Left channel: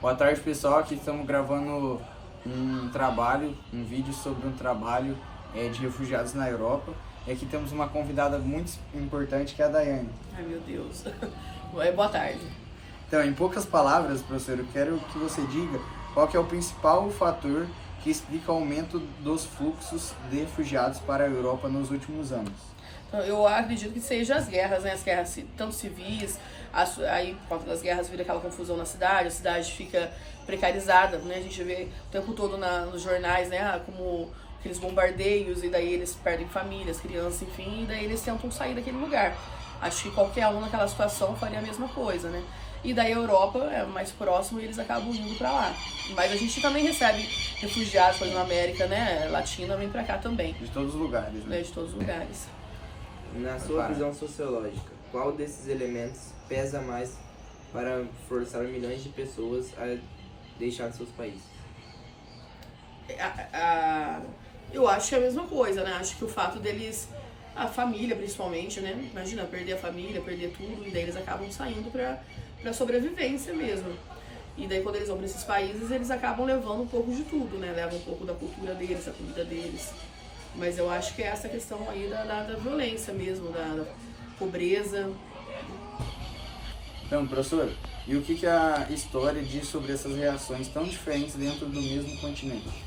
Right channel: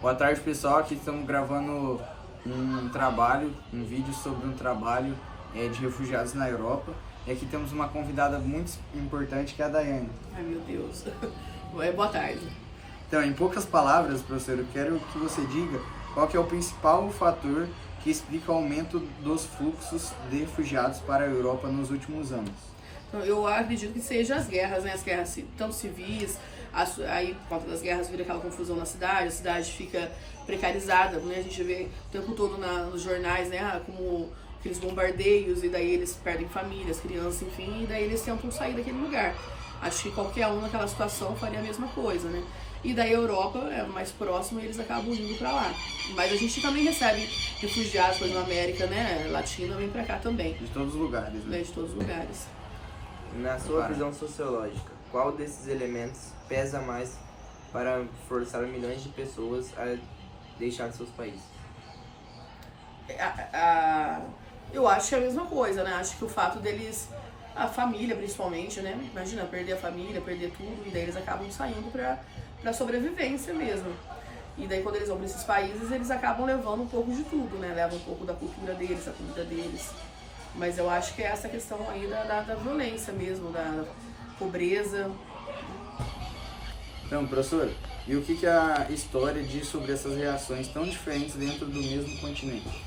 Boa tarde, pessoal. Aqui estamos gravando um vídeo sobre um trabalho de refugiados na Europa. E aqui temos uma convidada muito importante, que é a Daiane. Ai, meu Deus. Boa tarde. Então, em poucas palavras, professor, eu quero que você diga qual que é o principal fator que explica o aumento dos fluxos de refugiados para a Europa nos últimos anos. Então, eu acredito que seja as guerras, né? As guerras tanto civis, aí por conta das guerras vira aquela confusão na cidade, a cidade fica precarizada, né? A gente vê o tempo todo nos jornais, né? Como aqueles bombardeios, e daí eles perdem famílias, crianças, enfim, e daí eles tentam sair daquele lugar. Acho que qualquer um naquela situação faria a mesma coisa, né? E daí a Europa é mais próximo e eles acabam indo pra lá. Mas a gente também recebe refugiados, por exemplo, na América, né? Latina vem pra cá também. De todos os lugares, né? De todos os lugares. Na sua visão sociológica, qual desses elementos pesa mais para forçar milhões de pessoas a deixar seus países? Eu acho que é a mesma coisa, né? Acho que o fato deles, a família principalmente, né? Imagina, perder a família, perder tudo, e daí eles acabam saindo pra sobrevivência mesmo. E daí quando eles vão pra esses países, eles acabam levando um pouco de tudo, né? Levam um pouco da cultura deles, da comida deles. Mas eu acho que é essa questão aí da violência mesmo, da pobreza. Então, professor, e o que a história diz sobre essas reações tão diferentes dentro do mesmo continente?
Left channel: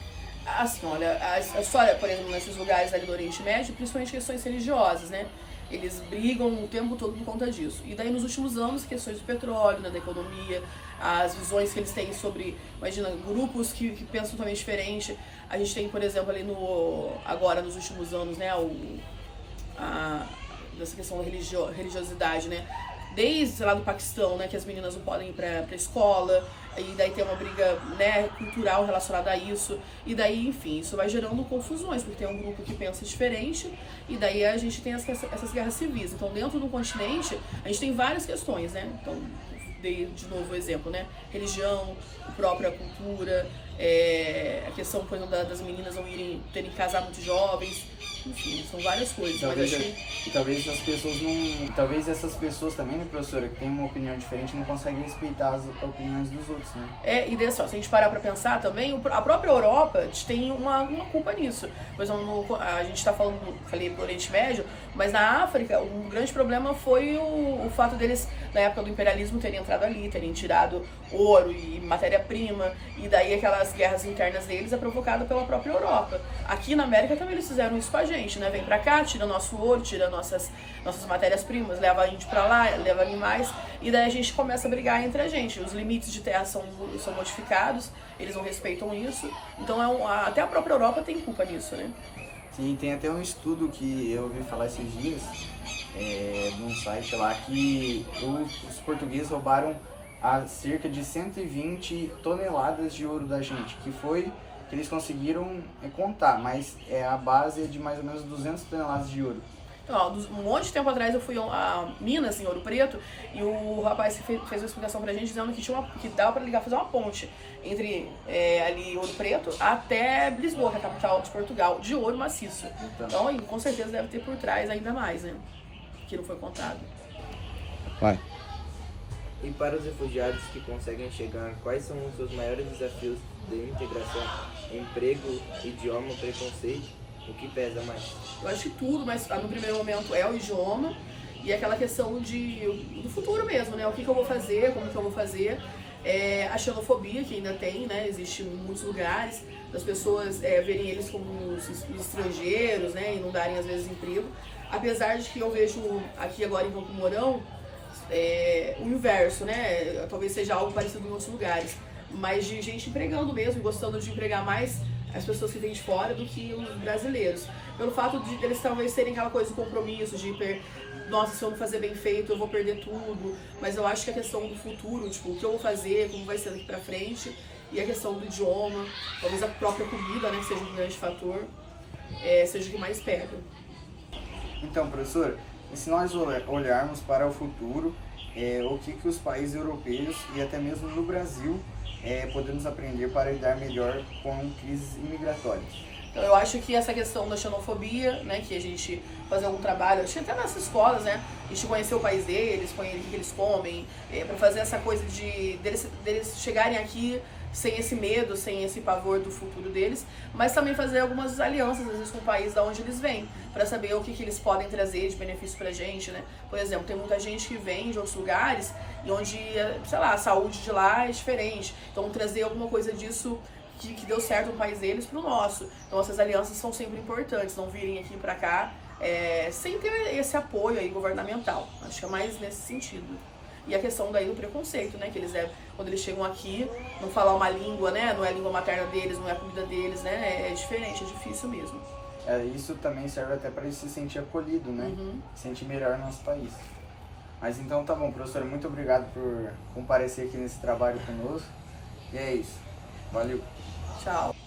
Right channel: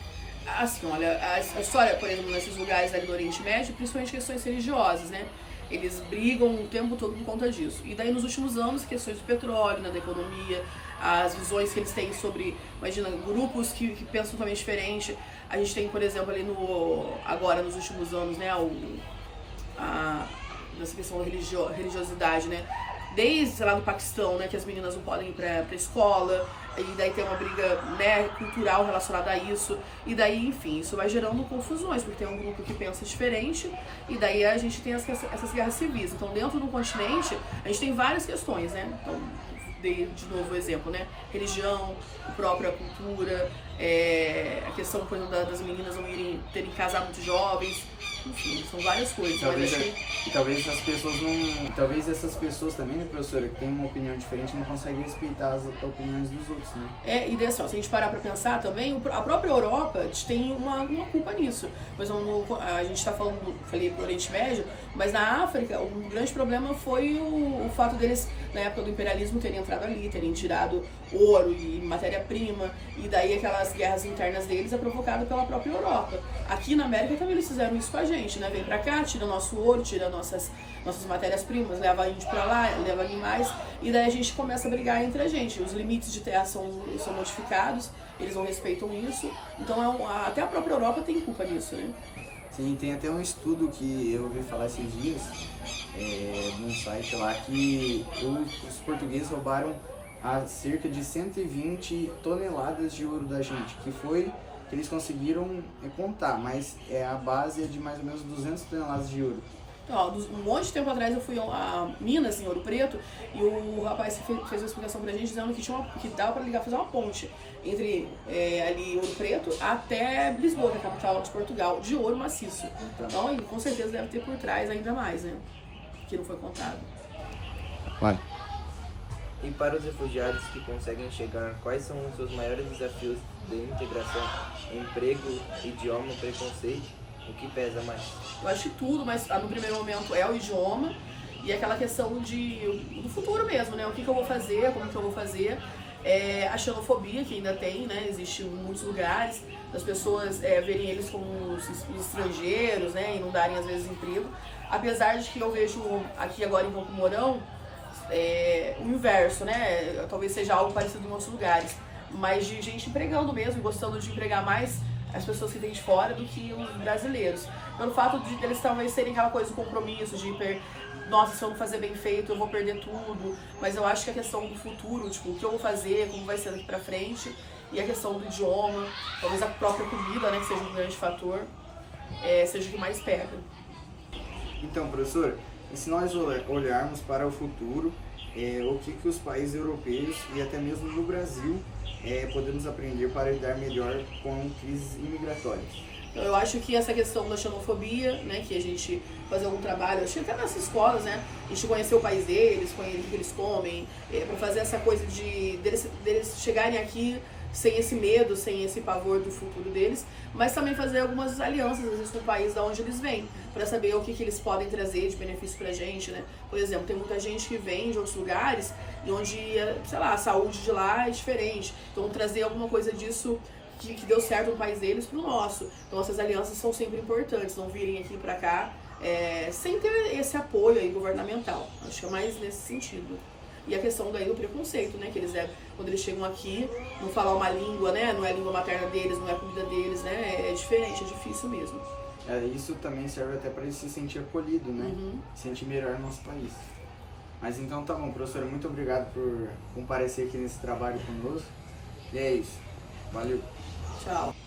Assim, olha, a história, por exemplo, nesses lugares ali do Oriente Médio, principalmente questões religiosas, né? Eles brigam o tempo todo por conta disso. E daí nos últimos anos, questões do petróleo, né, da economia, as visões que eles têm sobre, imagina, grupos que pensam totalmente diferente. A gente tem, por exemplo, ali agora nos últimos anos, né, dessa questão da religiosidade, né? Desde, sei lá, do Paquistão, né, que as meninas não podem ir pra escola, e daí tem uma briga, né, cultural relacionada a isso, e daí, enfim, isso vai gerando confusões, porque tem um grupo que pensa diferente, e daí a gente tem essas guerras civis. Então, dentro do continente, a gente tem várias questões, né? Então, dei de novo o exemplo, né? Religião, a própria cultura, a questão, por exemplo, das meninas não terem que casar muito jovens, enfim, são várias coisas. Talvez essas pessoas também, né, professora, que têm uma opinião diferente, não conseguem respeitar as opiniões dos outros, né? E daí, assim, se a gente parar pra pensar também, a própria Europa tem uma culpa nisso. Por exemplo, a gente tá falei do Oriente Médio, mas na África, um grande problema foi o fato deles, na época do imperialismo, terem entrado ali, terem tirado ouro e matéria-prima, e daí aquelas guerras internas deles é provocada pela própria Europa. Aqui na América também eles fizeram isso com a gente, né? Vem pra cá, tira nosso ouro, tira nossas matérias-primas, leva índio pra lá, leva animais, e daí a gente começa a brigar entre a gente. Os limites de terra são modificados, eles não respeitam isso, então até a própria Europa tem culpa nisso, né? Sim, tem até um estudo que eu ouvi falar esses dias, num site lá, que os portugueses roubaram cerca de 120 toneladas de ouro da gente, que eles conseguiram contar, mas a base é de mais ou menos 200 toneladas de ouro. Então, ó, um monte de tempo atrás eu fui a Minas, em Ouro Preto, e o rapaz fez uma explicação pra gente dizendo que dava pra ligar, fazer uma ponte entre ali Ouro Preto até Lisboa, que é a capital de Portugal, de ouro maciço. Então, com certeza deve ter por trás ainda mais, né? Que não foi contado. Vai. E para os refugiados que conseguem chegar, quais são os seus maiores desafios de integração? Emprego, idioma, preconceito? O que pesa mais? Eu acho que tudo, mas no primeiro momento é o idioma e aquela questão do futuro mesmo, né? O que eu vou fazer, como que eu vou fazer. A xenofobia que ainda tem, né? Existe em muitos lugares, das pessoas verem eles como os estrangeiros, né? E não darem, às vezes, emprego. Apesar de que eu vejo aqui agora em Campo Mourão, o inverso, né? Talvez seja algo parecido em outros lugares, mas de gente empregando mesmo, gostando de empregar mais as pessoas que vêm de fora do que os brasileiros. Pelo fato de eles talvez terem aquela coisa de compromisso, nossa, se eu não fazer bem feito, eu vou perder tudo. Mas eu acho que a questão do futuro, tipo, o que eu vou fazer, como vai ser daqui pra frente, e a questão do idioma, talvez a própria comida, né, que seja um grande fator, seja o que mais pega. Então, professor, e se nós olharmos para o futuro, o que os países europeus e até mesmo no Brasil podemos aprender para lidar melhor com crises imigratórias? Então eu acho que essa questão da xenofobia, né, que a gente fazer algum trabalho, acho que até nas escolas, né, a gente conhecer o país deles, conhecer o que eles comem, para fazer essa coisa deles chegarem aqui sem esse medo, sem esse pavor do futuro deles, mas também fazer algumas alianças, às vezes, com o país da onde eles vêm, para saber o que eles podem trazer de benefício pra gente, né? Por exemplo, tem muita gente que vem de outros lugares e onde, sei lá, a saúde de lá é diferente. Então, trazer alguma coisa disso que deu certo no país deles pro nosso. Então, essas alianças são sempre importantes, não virem aqui pra cá sem ter esse apoio aí governamental. Acho que é mais nesse sentido. E a questão daí do preconceito, né? Que eles quando eles chegam aqui, não falar uma língua, né? Não é a língua materna deles, não é a comida deles, né? É diferente, é difícil mesmo. Isso também serve até para ele se sentir acolhido, né? Se sentir melhor no nosso país. Mas então tá bom, professora, muito obrigado por comparecer aqui nesse trabalho conosco. E é isso. Valeu. Tchau.